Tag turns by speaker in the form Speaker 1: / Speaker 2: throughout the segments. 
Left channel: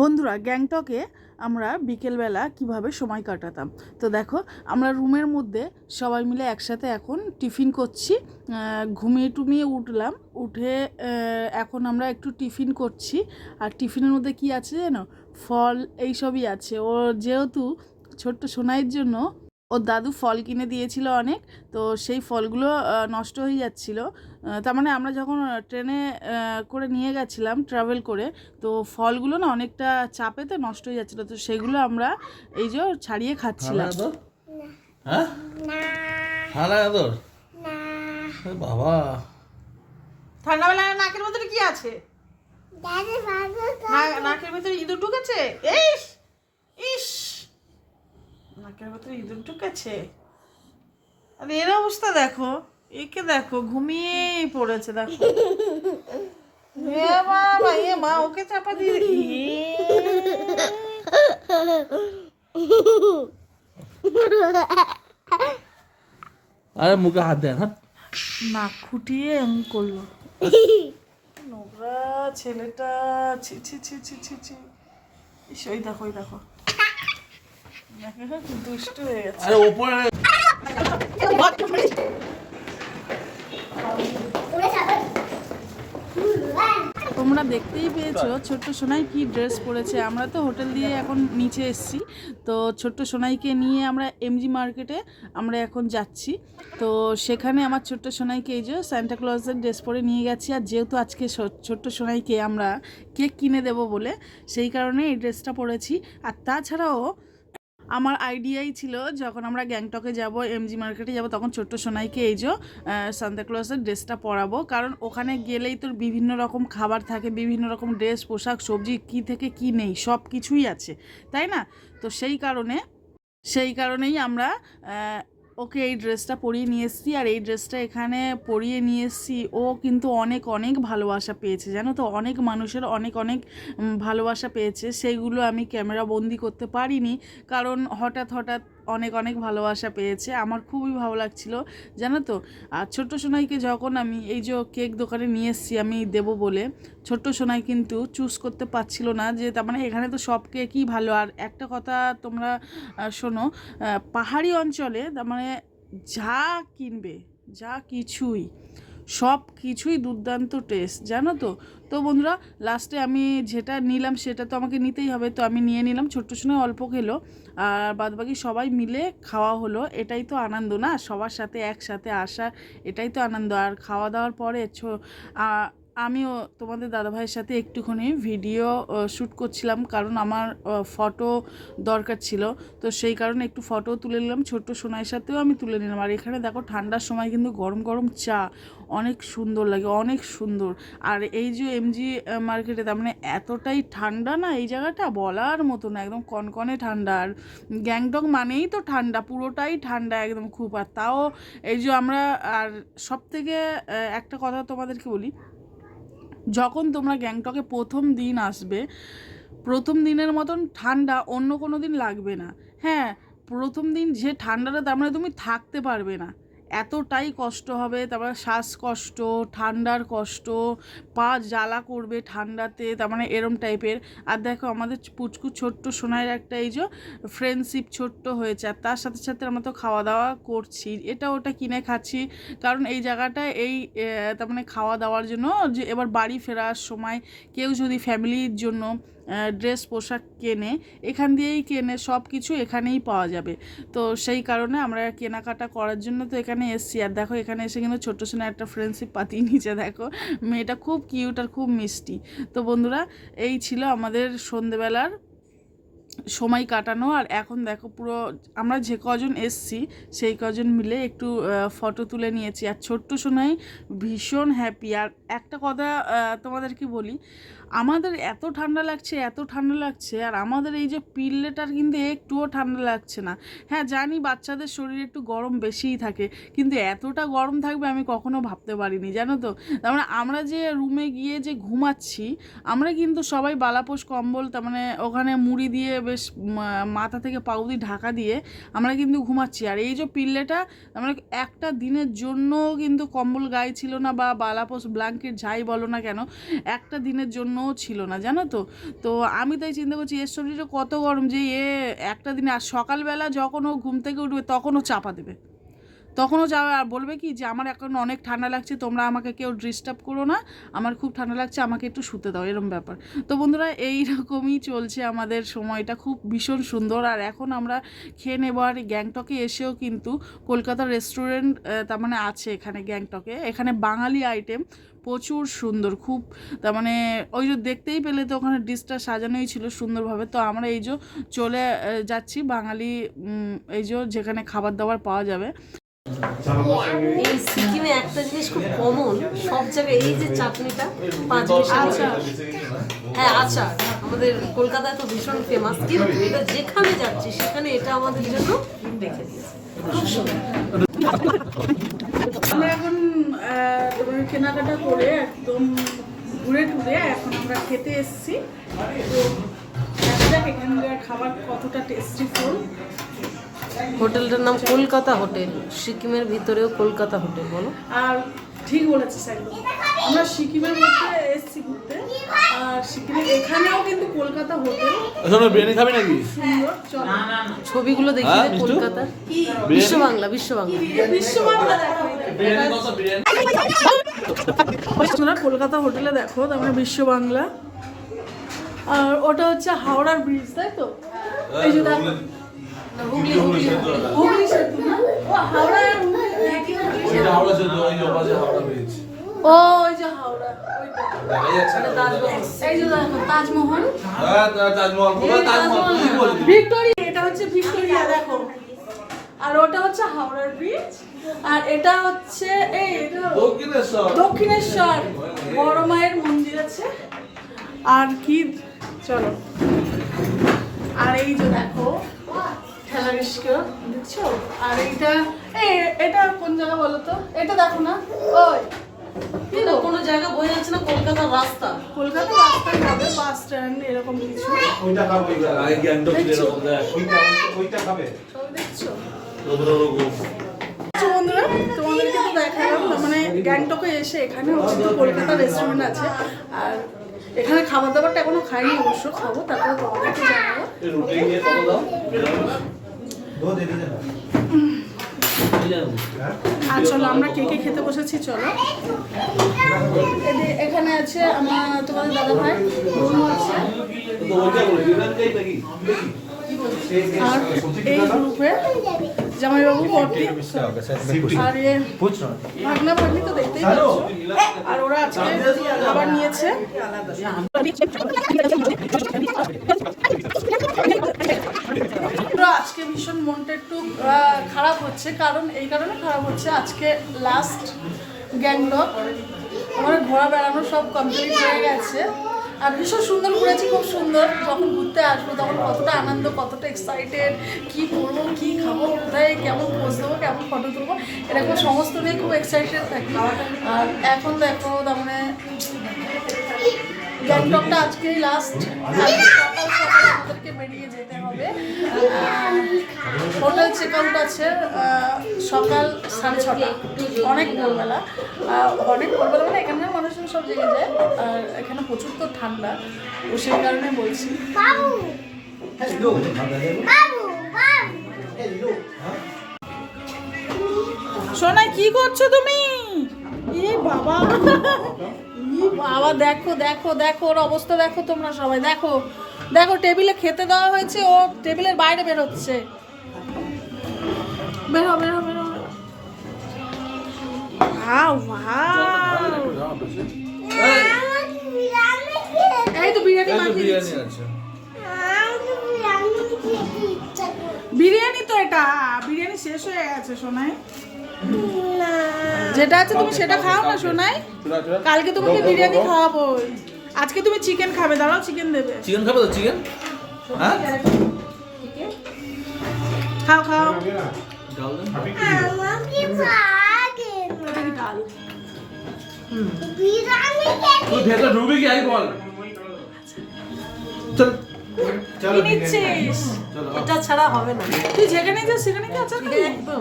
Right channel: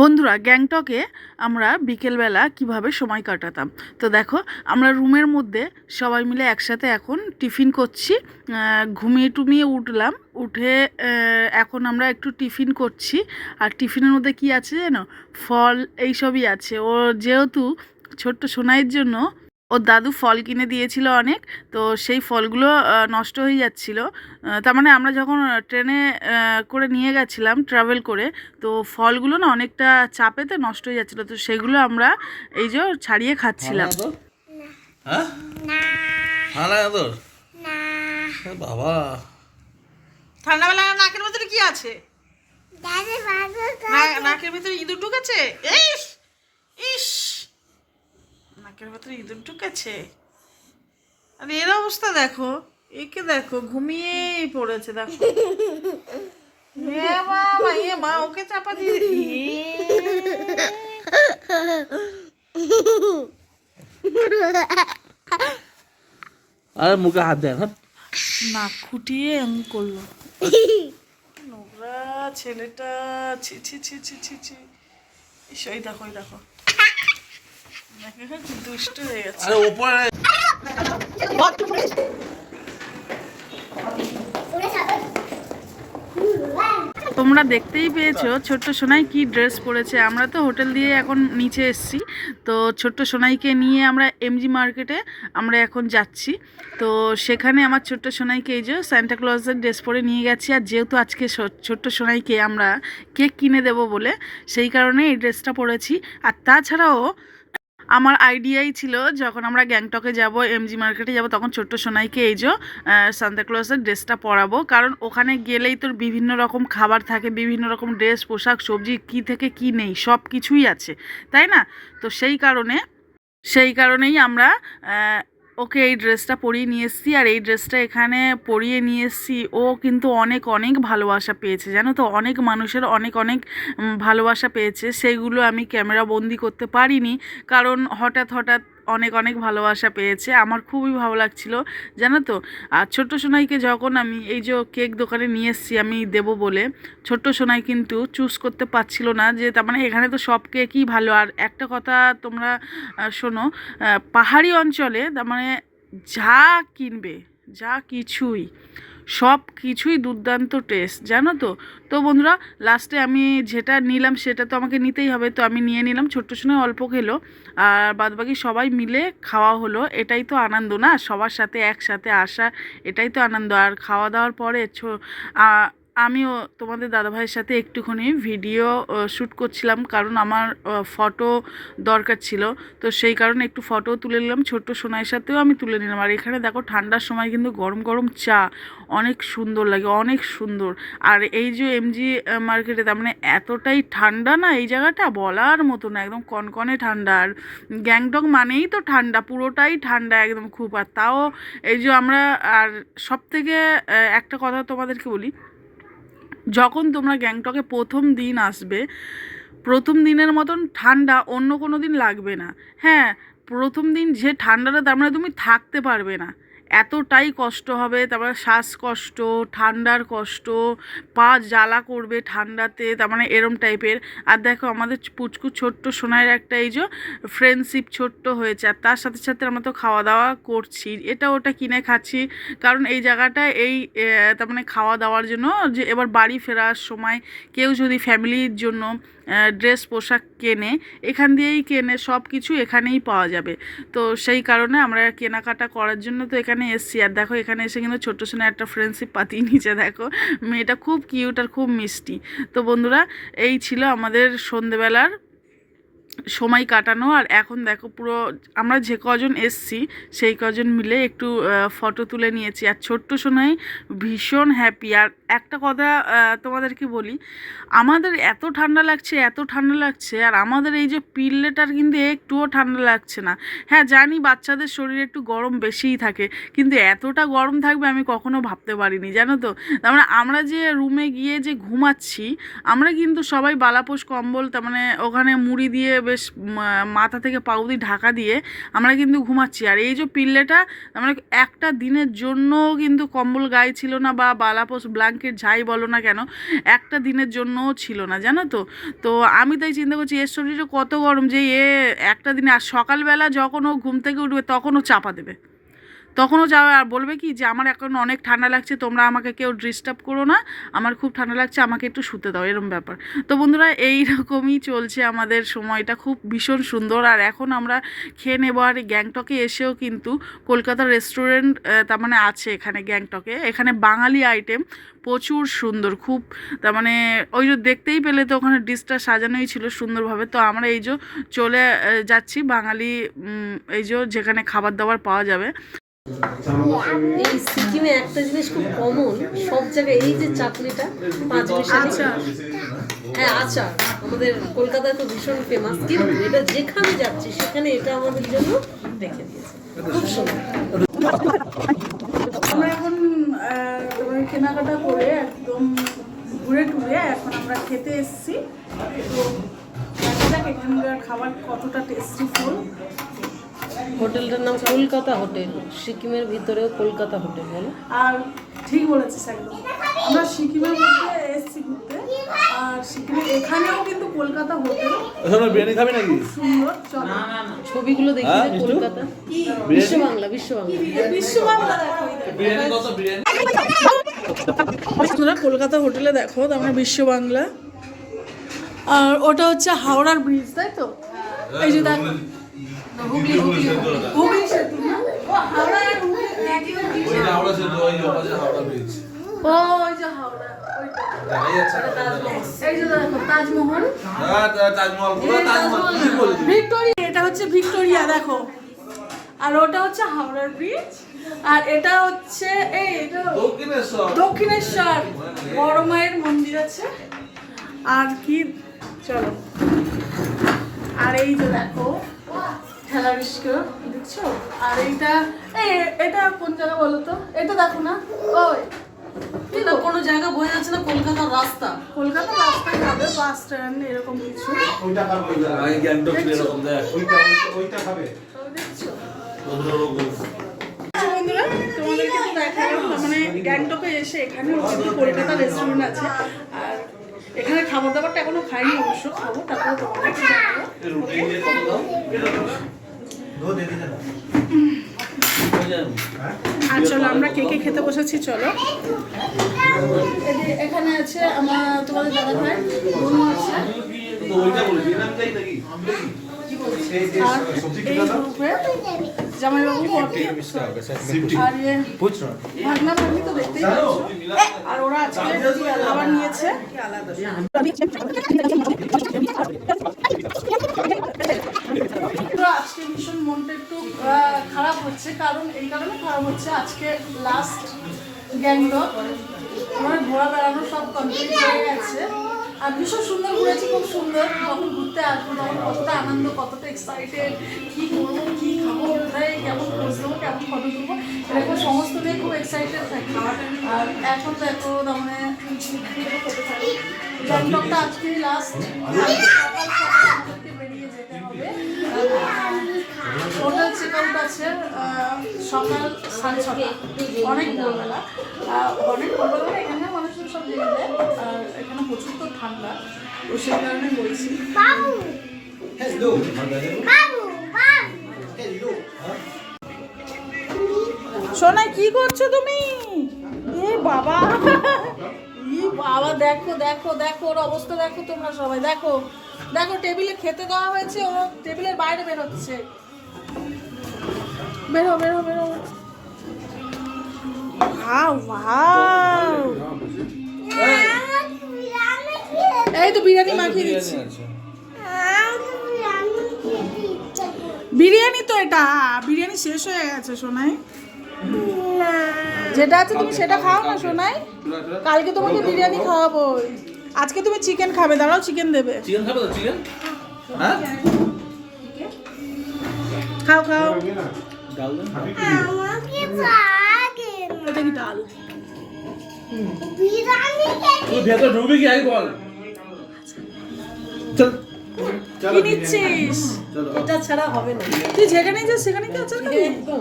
Speaker 1: বন্ধুরা, গ্যাংটকে আমরা বিকেলবেলা কীভাবে সময় কাটাতাম? তো দেখো, আমরা রুমের মধ্যে সবাই মিলে একসাথে এখন টিফিন করছি। ঘুমিয়ে টুমিয়ে উঠলাম। উঠে এখন আমরা একটু টিফিন করছি। আর টিফিনের মধ্যে কি আছে জানো? ফল, এইসবই আছে। ও যেহেতু ছোট্ট সোনাইয়ের জন্য ওর দাদু ফল কিনে দিয়েছিল অনেক তো সেই ফলগুলো নষ্ট হয়ে যাচ্ছিল। তার মানে আমরা যখন ট্রেনে করে নিয়ে গেছিলাম ট্রাভেল করে তো ফলগুলো না অনেকটা চাপেতে নষ্ট হয়ে যাচ্ছিল তো সেগুলো আমরা এই যে ছাড়িয়ে খাচ্ছিলাম।
Speaker 2: ঠান্ডা হ্যাঁ? ঠান্ডা বাবা।
Speaker 3: ঠান্ডাবেলা নাকের ভেতরে কি আছে? নাকের ভেতরে ইঁদুর ঢুকেছে? ইস নাকের ভেতরে ইঁদুর ঢুকেছে। আরে এর অবস্থা দেখো একে দেখো ঘুমিয়েই পড়েছে দেখো। এ মা ওকে চাপা দিয়ে
Speaker 2: আরে মুখে হাত দেন হ্যাঁ
Speaker 3: নাক খুঁটিয়ে এম করল। নোংরা ছেলেটা ছি ছি ছি ছি ছি ছি। ইস, ওই দেখো ওই দেখো। দুষ্ট হয়ে গেছে।
Speaker 2: আরে
Speaker 1: তোমরা দেখতেই পেয়েছ ছোট্ট সোনাই কি ড্রেস পরেছে। আমরা তো হোটেল দিয়ে এখন নিচে এসেছি। তো ছোট্ট সোনাইকে নিয়ে আমরা এমজি মার্কেটে আমরা এখন যাচ্ছি। তো সেখানে আমার ছোট্ট সোনাইকে এই যে স্যান্টা ক্লজের ড্রেস পরে নিয়ে গেছি। আর যেহেতু আজকে ছোট্ট সোনাইকে আমরা কেক কিনে দেব বলে সেই কারণে এই ড্রেসটা পরেছি। আর তাছাড়াও আমার আইডিয়াই ছিল যখন আমরা গ্যাংটকে যাব এমজি মার্কেটে যাব, তখন ছোট্ট সোনাইকে এই যে সান্তাক্লসের ড্রেসটা পরাবো। কারণ ওখানে গেলেই তোর বিভিন্ন রকম খাবার থাকে, বিভিন্ন রকম ড্রেস, পোশাক, সবজি, কি থেকে কি নেই, সব কিছুই আছে, তাই না? তো সেই কারণে, সেই কারণেই আমরা ওকে এই ড্রেসটা পরিয়ে নিয়ে এসেছি আর এই ড্রেসটা এখানে পরিয়ে নিয়ে এসছি। ও কিন্তু অনেক অনেক ভালোবাসা পেয়েছে, জানো তো? অনেক মানুষের অনেক অনেক ভালোবাসা পেয়েছে। সেগুলো আমি ক্যামেরা বন্দি করতে পারিনি। কারণ হঠাৎ হঠাৎ অনেক অনেক ভালোবাসা পেয়েছে। আমার খুবই ভালো লাগছিল। জানো তো? আর ছোট্ট সোনাইকে যখন আমি এই যে কেক দোকানে নিয়ে এসেছি, আমি দেব বলে, ছোট্ট সোনাই কিন্তু চুজ করতে পারছিল না যে, তার মানে এখানে তো সব কেকই ভালো। আর একটা কথা তোমরা শোনো পাহাড়ি অঞ্চলে তার মানে যা কিনবে, যা কিছুই সব কিছুই দুর্দান্ত টেস্ট জানো তো? তো বন্ধুরা লাস্টে আমি যেটা নিলাম সেটা তো আমাকে নিতেই হবে, তো আমি নিয়ে নিলাম, ছোট্ট সময় অল্প খেলো, আর বাদবাকি সবাই মিলে খাওয়া হলো, এটাই তো আনন্দ না? সবার সাথে একসাথে আসা, এটাই তো আনন্দ, আর খাওয়া দাওয়ার পরে আমিও তোমাদের দাদাভাইয়ের সাথে একটুখানি ভিডিও শ্যুট করছিলাম কারণ আমার ফটো দরকার ছিল। তো সেই কারণে একটু ফটো তুলে নিলাম। ছোট্ট সোনাইয়ের সাথেও আমি তুলে নিলাম। আর এখানে দেখো, ঠান্ডার সময় কিন্তু গরম গরম চা অনেক সুন্দর লাগে, অনেক সুন্দর। আর এই যে এমজি মার্কেটে তার মানে এতটাই ঠান্ডা না এই জায়গাটা? বলার মতো না, একদম কনকনে ঠান্ডা। আর গ্যাংটক মানেই তো ঠান্ডা, পুরোটাই ঠান্ডা একদম খুব। আর তাও এই যে আমরা, আর সব থেকে একটা কথা তোমাদেরকে বলি যখন তোমরা গ্যাংটকে প্রথম দিন আসবে, প্রথম দিনের মতন ঠান্ডা অন্য কোনো দিন লাগবে না। হ্যাঁ প্রথম দিন যে ঠান্ডাটা, তার মানে তুমি থাকতে পারবে না। এতটাই কষ্ট হবে, তারপরে শ্বাসকষ্ট, ঠান্ডার কষ্ট, পা জ্বালা করবে ঠান্ডাতে, তার মানে এরম টাইপের আর দেখো আমাদের পুচকু ছোট্ট সোনার একটা এই যে ফ্রেন্ডশিপ ছোট্ট হয়েছে, আর তার সাথে সাথে আমরা তো খাওয়া দাওয়া করছি। এটা ওটা কিনে খাচ্ছি, কারণ এই জায়গাটা এই তার মানে খাওয়া দাওয়ার জন্য যে এবার বাড়ি ফেরার সময় কেউ যদি ফ্যামিলির জন্য ড্রেস, পোশাক কেনে, এখান দিয়েই কেনে সব কিছু এখানেই পাওয়া যাবে। তো সেই কারণে আমরা কেনাকাটা করার জন্য তো এখানে এসছি। আর দেখো, এখানে এসে কিন্তু ছোট্ট সোনা একটা ফ্রেন্ডশিপ পাতিয়ে নিচে দেখো। মেয়েটা খুব কিউট আর খুব মিষ্টি। তো বন্ধুরা, এই ছিল আমাদের সন্ধেবেলার সময় কাটানো আর এখন দেখো পুরো আমরা যে কজন এসছি, সেই কজন মিলে একটু ফটো তুলে নিয়েছি। আর ছোট্ট সোনাই ভীষণ হ্যাপি আর একটা কথা তোমাদেরকে বলি? আমাদের এত ঠান্ডা লাগছে, এত ঠান্ডা লাগছে, আর আমাদের এই যে পিল্লেটার কিন্তু একটুও ঠান্ডা লাগছে না। হ্যাঁ জানি বাচ্চাদের শরীরে একটু গরম বেশিই থাকে, কিন্তু এতটা গরম থাকবে আমি কখনো ভাবতে পারিনি, জানো তো? তার মানে আমরা যে রুমে গিয়ে যে ঘুমাচ্ছি, আমরা কিন্তু সবাই বালাপোষ কম্বল, তার মানে ওখানে মুড়ি দিয়ে বেশ মাথা থেকে পা অবধি ঢাকা দিয়ে আমরা কিন্তু ঘুমাচ্ছি। আর এই যে পিল্লেটা মানে একটা দিনের জন্য কিন্তু কম্বল গায়ে ছিল না বা বালাপোস ব্ল্যাঙ্কেট যাই বলো না কেন, একটা দিনের জন্যও ছিল না, জানো তো? তো আমি তাই চিন্তা করছি, এর শরীরে কত গরম যে এ একটা দিনে, আর সকালবেলা যখন ও ঘুম থেকে উঠবে তখন ও চাপা দেবে। তখনও আর বলবে কি যে, আমার এখন অনেক ঠান্ডা লাগছে, তোমরা আমাকে কেউ ডিস্টার্ব করো না। আমার খুব ঠান্ডা লাগছে, আমাকে একটু শুতে দাও। এরম ব্যাপার। তো বন্ধুরা এই রকমই চলছে আমাদের সময়টা। খুব ভীষণ সুন্দর। আর এখন আমরা খেয়ে নেব। আর গ্যাংটকে এসেও কিন্তু কলকাতার রেস্টুরেন্ট তার মানে আছে এখানে গ্যাংটকে। এখানে বাঙালি আইটেম প্রচুর সুন্দর। খুব, তার মানে ওই যে দেখতেই পেলে তো ওখানে ডিশটা সাজানোই ছিল সুন্দরভাবে। তো আমরা এই যে চলে যাচ্ছি বাঙালি এই যে যেখানে খাবার দাবার পাওয়া যাবে।
Speaker 4: এই সিকিমে একটা জিনিস খুব কমন সব জায়গায় এই যে চাটনিটা পাঁচ
Speaker 1: আচ্ছা।
Speaker 4: হ্যাঁ আচ্ছা। আমাদের কলকাতায় তো ভীষণ ফেমাস কিন্তু এটা যেখানে যাচ্ছি সেখানে এটা আমাদের জন্য রেখে দিয়েছে। খুব সুন্দর।
Speaker 1: আমরা এখন তোমার কেনাকাটা করে একদম ঘুরে টুরে এখন আমরা খেতে এসেছি। তো দেখা যাক এখানকার খাবার কতটা টেস্টি ফুল
Speaker 4: হোটেলটার নাম কলকাতা হোটেল। সিকিমের ভিতরেও কলকাতা হোটেল বলো।
Speaker 1: আর ঠিক বলেছিস একদম। আমরা সিকিমের মধ্যে এসেছি ঘুরতে। আর সিকিমের এখানেও কিন্তু কলকাতা হোটেল।
Speaker 2: এখন বিরিয়ানি খাবি নাকি?
Speaker 1: সুন্দর চলো।
Speaker 4: ছবিগুলো দেখি
Speaker 2: হ্যাঁ,
Speaker 4: যে
Speaker 2: মিষ্টু?
Speaker 4: কলকাতা। বিশ্ব বাংলা বিশ্ব বাংলা
Speaker 1: দেখো
Speaker 2: বিরিয়ানি কত বিরিয়ানি?
Speaker 1: তোমরা কলকাতা হোটেলে দেখো তার মানে বিশ্ব বাংলা আর ওটা হচ্ছে হাওড়ার ব্রিজ তাই তো? এই যে দেখো
Speaker 4: হুগলি হুগলি।
Speaker 1: হুগলি সেতু না? ও, হাওড়া আর হুগলি একই হুগলি
Speaker 2: ওইটা হাওড়া সেতু ওই ওপাশে হাওড়া ব্রিজ
Speaker 1: ও, ওই যে হাওড়া, ওইটা।
Speaker 2: দেখা যাচ্ছে
Speaker 1: এই যে দেখো, তাজমহল।
Speaker 2: হ্যাঁ তাজমহল পুরো তাজমহল। কি বলছিস
Speaker 1: ভিক্টোরিয়া এটা হচ্ছে ভিক্টোরিয়া দেখো। আর ওটা হচ্ছে হাওড়ার ব্রিজ আর এটা হচ্ছে এই
Speaker 2: দক্ষিণেশ্বর।
Speaker 1: দক্ষিণেশ্বর। বড় মায়ের মন্দির আছে। আর কি চলো। আর এই যে দেখো ঠেলা রিস্কা দেখছ? আর এইটা এই এটা কোন জায়গা বলো তো? এটা দেখো না? ওই
Speaker 4: এটা কোনো জায়গা বোঝা যাচ্ছে না কলকাতার রাস্তা।
Speaker 1: কলকাতা রাস্তায় যাবে বাস স্ট্যান্ড এরকম কিছু।
Speaker 2: আগে গ্যাংটক
Speaker 1: দেখছ? বন্ধুরা? তোমাদেরকে তো দেখালাম মানে গ্যাংটকে এসে এখানেও কিন্তু কলকাতা রেস্টুরেন্ট আছে। আর এখানে খাবার দাবারটা এখনও খাইনি অবশ্য খাব তারপরে তোমাদেরকে জানাব। আর চলো আমরা কে কে খেতে বসেছি চলো। এখানে আছে আমার তোমাদের দাদা ভাই বোনও আছে। জামাইবাবু আর ইয়ে ভাগনা ভাগ্নি তো দেখতেই পাচ্ছ। আর ওরা আজকে খাবার নিয়েছে। আজকে ভীষণ মনটা একটু খারাপ হচ্ছে, কারণ এই কারণে খারাপ হচ্ছে আজকে লাস্ট গ্যাংটক। আমার ঘোরা বেড়ানো সব কমপ্লিট হয়ে গেছে। আর ভীষণ সুন্দর ঘুরেছি, খুব সুন্দর। যখন ঘুরতে আসব তখন কতটা আনন্দ, কতটা এক্সাইটেড কী করব, কী খাব, কোথায়, কেমন কেমন ফটো তুলবো। এরকম সমস্ত নিয়ে খুব এক্সাইটেড থাকি। আর এখন দেখো তার মানে গ্যাংটকটা আজকেই লাস্ট সকাল সকাল আমাদেরকে বেরিয়ে যেতে হবে। হোটেল চেক আউট আছে সকাল সাড়ে ছটা। অনেক ভোরবেলা। অনেক ভোরবেলা মানে এখানে মানুষজন সব জেগে যায়। আর এখানে প্রচুর তো ঠান্ডা। তো সেই কারণে বলছি। সোনা কি করছ তুমি? এ বাবা। ই বাবা দেখো দেখো দেখো ওর অবস্থা দেখো তোমরা সবাই। দেখো দেখো টেবিলে খেতে দেওয়া হয়েছে ও টেবিলের বাইরে বেরোচ্ছে। বেরো বেরো বেরো। ভাও ভাও এই তো বিরিয়ানি মাখিয়ে
Speaker 2: বিরিয়ানি
Speaker 1: দিচ্ছি বিরিয়ানি তো এটা। বিরিয়ানি শেষ হয়ে গেছে সোনাই। যেটা আছে তুমি সেটা খাও না সোনাই। কালকে তোমাকে বিরিয়ানি খাওয়াবো। আজকে তুমি চিকেন খাবে দাঁড়াও চিকেন দেবে।
Speaker 2: চিকেন খাবে তো চিকেন হ্যাঁ?
Speaker 1: খাও খাও।
Speaker 2: ডাল
Speaker 1: ডাল।
Speaker 2: তুই ভেতরে ঢুকবি কি? আগে বল। চল।
Speaker 1: কি নিচ্ছিস?
Speaker 4: এটা ছাড়া হবে না।
Speaker 1: তুই যেখানে যাস সেখানে কি আচার খাবি?
Speaker 4: একদম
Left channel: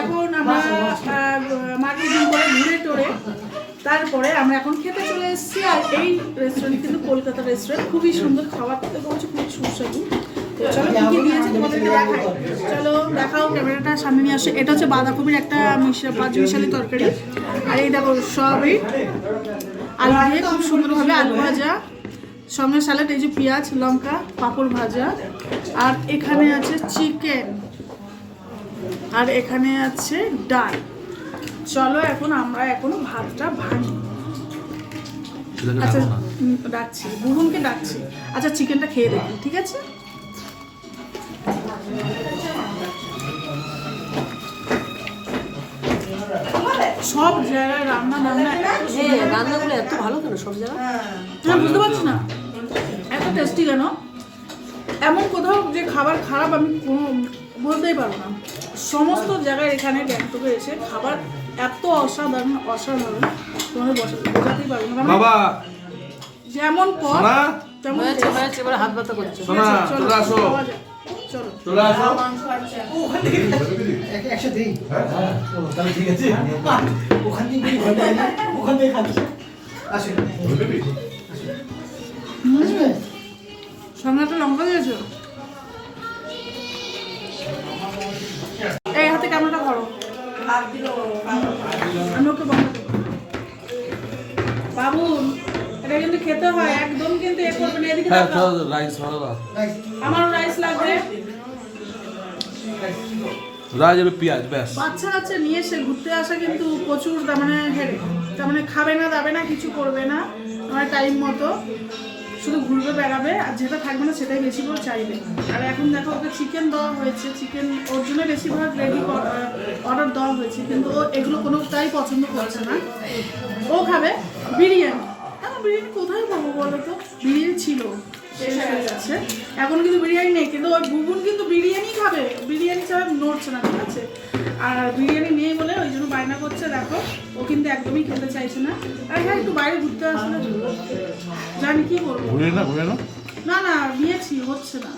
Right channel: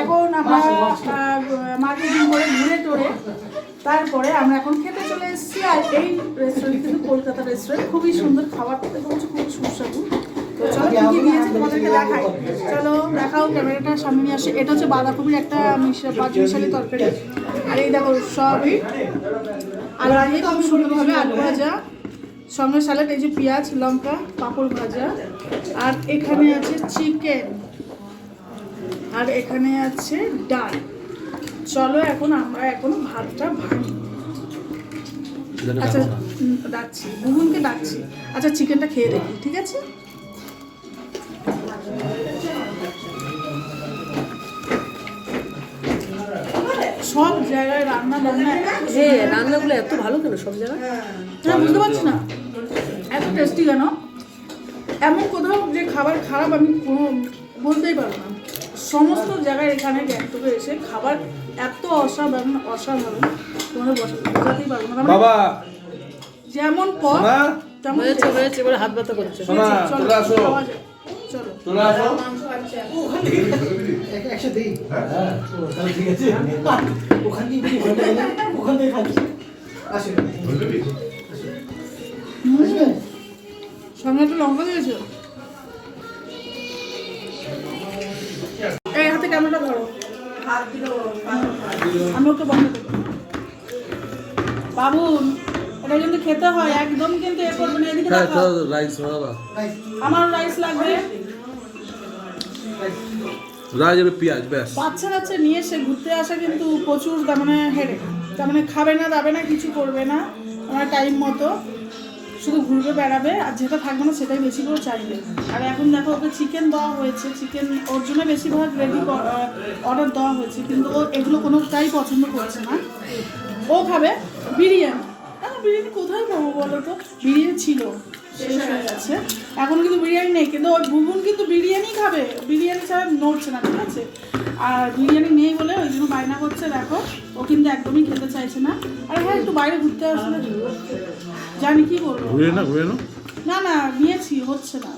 Speaker 1: এখন আমরা মার্কেটিং করে ঘুরে টোরে তারপরে আমরা এখন খেতে চলে এসেছি আর এই রেস্টুরেন্ট কিন্তু কলকাতা রেস্টুরেন্ট খুবই সুন্দর খাবার খেতে বলছে খুবই সুস্বাদু তো চলো কি কি দিয়েছে তোমাদেরকে দেখাই। চলো দেখাও ক্যামেরাটার সামনে নিয়ে আসো। এটা হচ্ছে বাঁধাকপির একটা পাঁচ মিশালি তরকারি। আর এই দেখো সবই আলু দিয়ে খুব সুন্দরভাবে আলু ভাজা। সঙ্গে স্যালাড এই যে পেঁয়াজ লঙ্কা পাঁপড় ভাজা। আর এখানে আছে চিকেন। আর এখানে আছে ডাল। চলো এখন আমরা এখন ভাতটা ভাঙি। আচ্ছা ডাকছি। বুবুনকে ডাকছি। আচ্ছা চিকেনটা খেয়ে দেখি ঠিক আছে? সব জায়গায় রান্না বান্না
Speaker 4: হ্যাঁ রান্নাগুলো এত ভালো কেন সব জায়গায়?
Speaker 1: আমি বুঝতে পারছি না। এত টেস্টি কেন? এমন কোথাও যে খাবার খারাপ আমি কোনো বলতেই পারব না। সমস্ত জায়গায় এখানে গ্যাংটকে এসে খাবার এত অসাধারণ অসাধারণ তোমাদের বোঝাতেই পারব না।
Speaker 2: বাবা!
Speaker 1: যেমন পথ
Speaker 4: হয়েছে হয়েছে এবার হাত ব্যথা করছে।
Speaker 2: সোনা
Speaker 1: চলো।
Speaker 2: চলে আসো।
Speaker 1: খাওয়া যাক। চলো
Speaker 2: চলে আসো।
Speaker 1: সঙ্গে একটা লঙ্কা দিয়েছ? এই হাতে ক্যামেরাটা ধরো। আমি ওকে বন্ধ দেবো বাবুন এটা কিন্তু খেতে হয় একদম কিন্তু এ করবে না। এদিকে
Speaker 2: হ্যাঁ
Speaker 1: তাকাও।
Speaker 2: রাইস বাবা
Speaker 1: আমার রাইস লাগবে।
Speaker 2: রাইস আর পেঁয়াজ ব্যাস।
Speaker 1: বাচ্চা কাচ্চা নিয়ে এসে ঘুরতে আসা কিন্তু প্রচুর তার মানে হেরে। তার মানে খাবে না দাবে না কিছু করবে না আমার টাইম মতো। শুধু ঘুরবে বেড়াবে আর যেটা থাকবে না সেটাই বেশি করে চাইবে। আর এখন দেখো ওকে চিকেন দেওয়া হয়েছে। চিকেন ওর জন্য বেশিরভাগ রেডি অর্ডার দেওয়া হয়েছে। কিন্তু ও এগুলো কোনোটাই পছন্দ করছে না। ও খাবে বিরিয়ানি। বিরিয়ানি কোথায় পাবো বলো তো? বিরিয়ানি ছিল শেষ হয়ে গেছে। এখন কিন্তু বিরিয়ানি নেই কিন্তু ওই বুবুন কিন্তু বিরিয়ানি খাবে। বিরিয়ানি ছাড়া নড়ছে না ঠিক আছে? আর বিরিয়ানি নেই বলে ওই জন্য বায়না করছে দেখো। ও কিন্তু একদমই খেতে চাইছে না। আর হ্যাঁ একটু বাইরে ঘুরতে আসলে জানি কি বলব।
Speaker 2: ঘুরে না ঘুরে না
Speaker 1: না না নিয়েছি হচ্ছে না।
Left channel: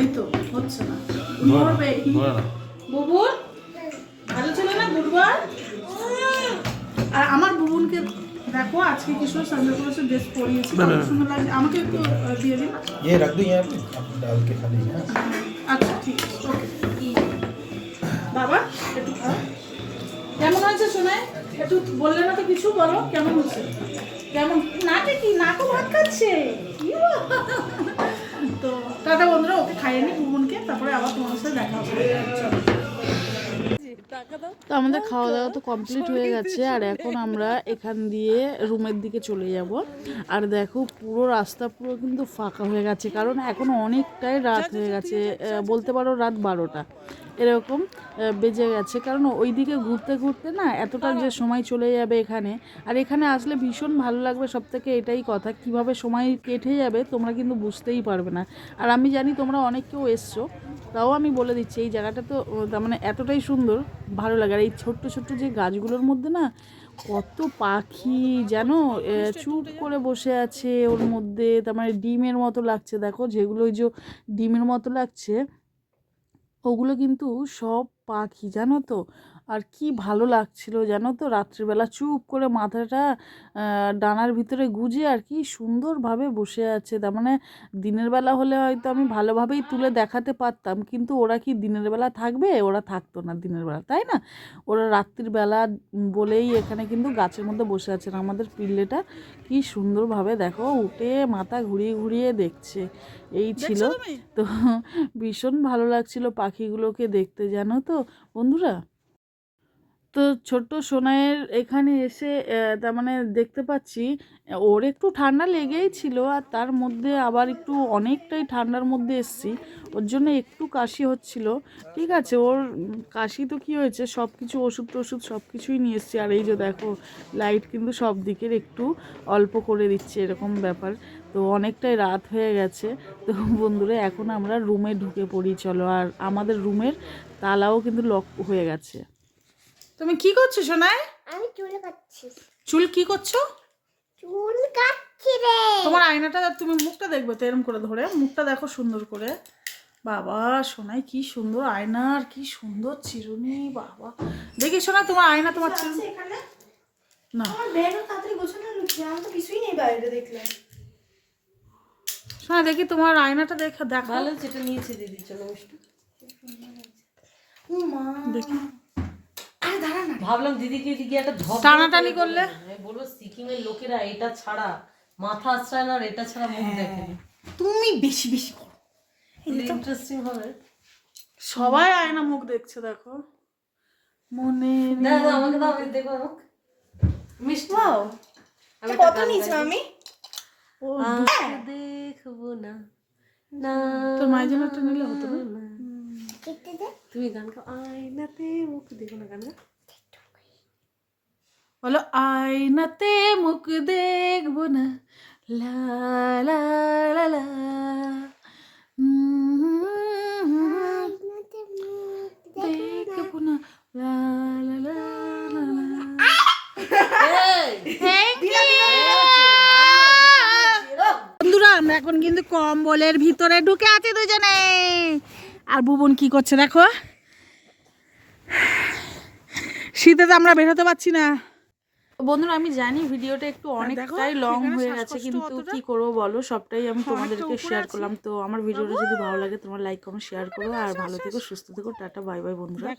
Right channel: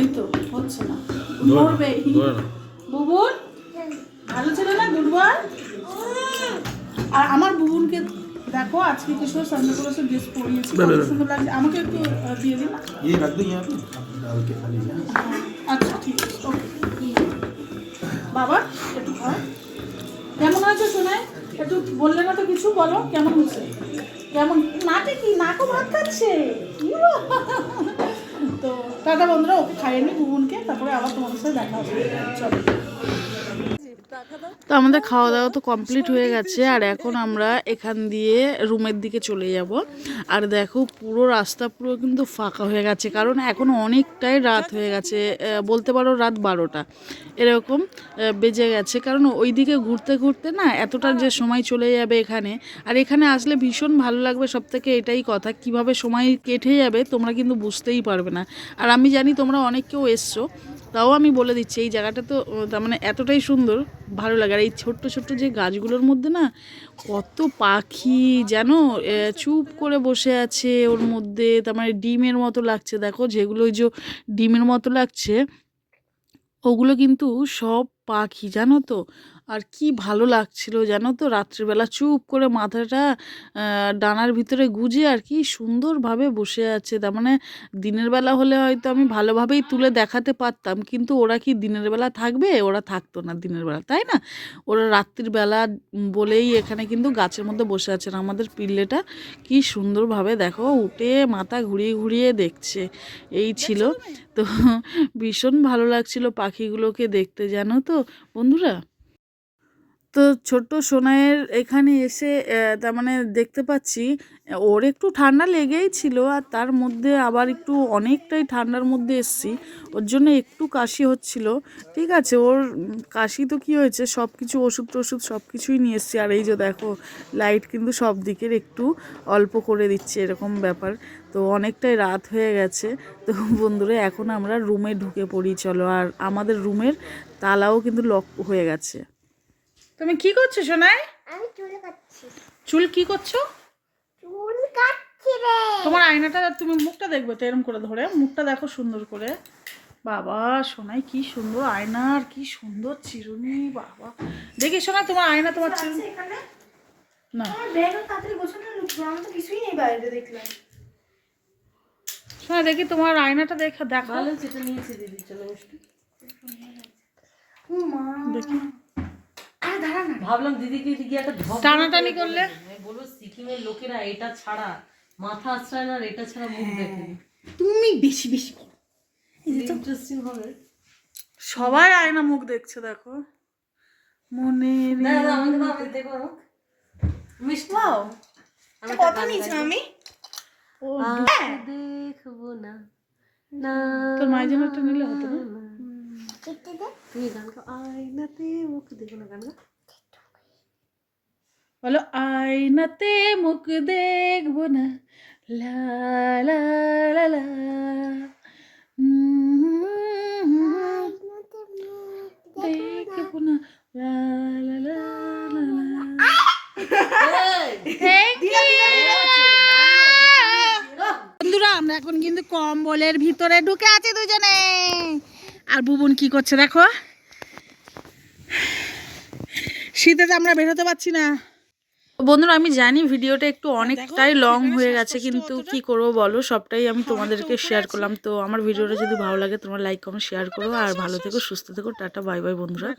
Speaker 1: এই তো হচ্ছে না।
Speaker 2: ধরে না,
Speaker 1: মরবে
Speaker 2: ধরে না
Speaker 1: বুবুন ভালো ছিল না? গুডবার আর আমার বুবুনকে দেখো আজকে কিশোর সামনে ক্লাসে ড্রেস পরিয়েছি কত সুন্দর লাগছে আমাকে একটু আহ, দিয়ে দিন
Speaker 5: ये रख दो यहाँ पे डाल के खाली है
Speaker 1: আচ্ছা ঠিক আছে ওকে বাবা একটু খাও কেমন হয়েছে শোনায় একটু বললে না তো কিছু বলো কেমন হয়েছে কেমন নাকে কি নাকও ভাত খাচ্ছে কি বাবা? তো টাটা বন্ধুরা ওকে খাইয়ে নি বুবুনকে তারপরে আবার তোমার সাথে দেখা হবে চলো তো আমাদের খাওয়া দাওয়া তো কমপ্লিট হয়ে গেছে, আর এখন আমরা এখান দিয়ে রুমের দিকে চলে যাব। আর দেখো, পুরো রাস্তা পুরো কিন্তু ফাঁকা হয়ে গেছে, কারণ এখন অনেকটাই রাত হয়ে গেছে বলতে পারো রাত বারোটা। এরকম বেজে গেছে, কারণ ওই দিকে ঘুরতে ঘুরতে না এতটা যে সময় চলে যাবে এখানে, আর এখানে আসলে ভীষণ ভালো লাগবে সব থেকে এটাই কথা, কীভাবে সময় কেটে যাবে তোমরা কিন্তু বুঝতেই পারবে না। আর আমি জানি তোমরা অনেক কেউ এসছো তাও আমি বলে দিচ্ছি, এই জায়গাটা তো তার মানে এতটাই সুন্দর, ভালো লাগে। আর এই ছোট্ট ছোট্ট যে গাছগুলোর মধ্যে না, কত পাখি যেন চুপ করে বসে আছে ওর মধ্যে, তার মানে ডিমের মতো লাগছে। দেখো যেগুলো ওই যে ডিমের মতো লাগছে, ওগুলো কিন্তু সব পাখি, জানো তো? আর কি ভালো লাগছিল জানো তো? রাত্রিবেলা চুপ করে মাথাটা ডানার ভিতরে গুজে আর কি সুন্দরভাবে বসে আছে। তার মানে দিনের বেলা হলে হয়তো আমি ভালোভাবেই তুলে দেখাতে পারতাম কিন্তু ওরা কি দিনের বেলা থাকবে? ওরা থাকতো না দিনের বেলা তাই না? ওরা রাত্রির বেলা বলেই এখানে কিন্তু গাছের মধ্যে বসে আছেন আমাদের পিল্লেটা কি সুন্দরভাবে দেখো উঠে মাথা ঘুরিয়ে ঘুরিয়ে দেখছে। এই ছিল তো ভীষণ ভালো লাগছিল পাখিগুলোকে দেখতে জানো তো? বন্ধুরা তো ছোট্ট সোনাইয়ের এখানে এসে তার মানে দেখতে পাচ্ছি ওর একটু ঠান্ডা লেগেই ছিল আর তার মধ্যে আবার একটু অনেকটাই ঠান্ডার মধ্যে এসছি। ওর জন্য একটু কাশি হচ্ছিল। ঠিক আছে, ওর কাশি তো কী হয়েছে? সব কিছু ওষুধ টষুধ সব কিছুই নিয়ে এসছি। আর এই যে দেখো, লাইট কিন্তু সব দিকের একটু অল্প করে দিচ্ছে এরকম ব্যাপার।
Speaker 6: তো অনেকটাই রাত হয়ে গেছে। তো বন্ধুরা, এখন আমরা রুমে ঢুকে পড়ি, চলো। আর আমাদের রুমের তালাও কিন্তু লক হয়ে গেছে।
Speaker 1: তুমি কি করছ সোনাই?
Speaker 7: আমি চুল কাটছি।
Speaker 1: চুল কি করছ?
Speaker 7: চুল কাটছি রে।
Speaker 1: তোমার আয়নাটা তুমি মুখটা দেখবে তো এরম করে ধরে। মুখটা দেখো সুন্দর করে। বাবা সোনাই কি সুন্দর আয়না আর কি সুন্দর চিরুনি বাবা। দেখি সোনা তোমার আয়না তোমার চিরুনি। না। কিছুই নেই বাইরে দেখলাম। সোনা দেখি তোমার আয়নাটা দেখা দেখো।
Speaker 4: ভালো সেটা নিয়েছি দিদির জন্য মিষ্টি
Speaker 1: দেখি
Speaker 4: ভাবলাম দিদিকে এদিকে একটা ধপ
Speaker 1: টানাটানি করলে?
Speaker 4: আমি বলব সিকিমের লোকেরা এটা ছাড়া মাথা আশ্রয় না আর এটা ছাড়া মুখ দেখে
Speaker 1: তুমি বেশি বেশি করো।
Speaker 4: ইন্টারেস্টিং হবে।
Speaker 1: সবাই আয়না মুখ দেখছে দেখো। মনে
Speaker 4: দাও দাও আমাকে দাও আমি দেখব মুখ মিষ্টি। আমি কত নিয়েছি আমি? দেখব না। না
Speaker 1: তোর মায়ের জন্য একটা নিলে হতো না?
Speaker 4: তুমি গান গাও। আয়নাতে মুখ দেখো না গান গাও।
Speaker 1: বলো আয়নাতে মুখ দেখব না। লা লা লা লা। উম, দেখব না। লা লা লা লা লা। বন্ধুরা আমরা এখন কিন্তু কম্বলের ভিতরে ঢুকে আছি দুজনে। আর বুবন কি করছে দেখো? শীতে তো আমরা বেরোতে পারছি না। বন্ধুরা আমি জানি ভিডিওটা একটু অনেকটাই লং হয়ে গেছে কিন্তু কি করব বলো? সবটাই আমি তোমাদেরকে শেয়ার করলাম। তো আমার ভিডিওটা যদি ভালো লাগে তোমার লাইক কমেন্ট শেয়ার করো। আর ভালো থেকো সুস্থ থেকো টাটা বাই বাই বন্ধুরা।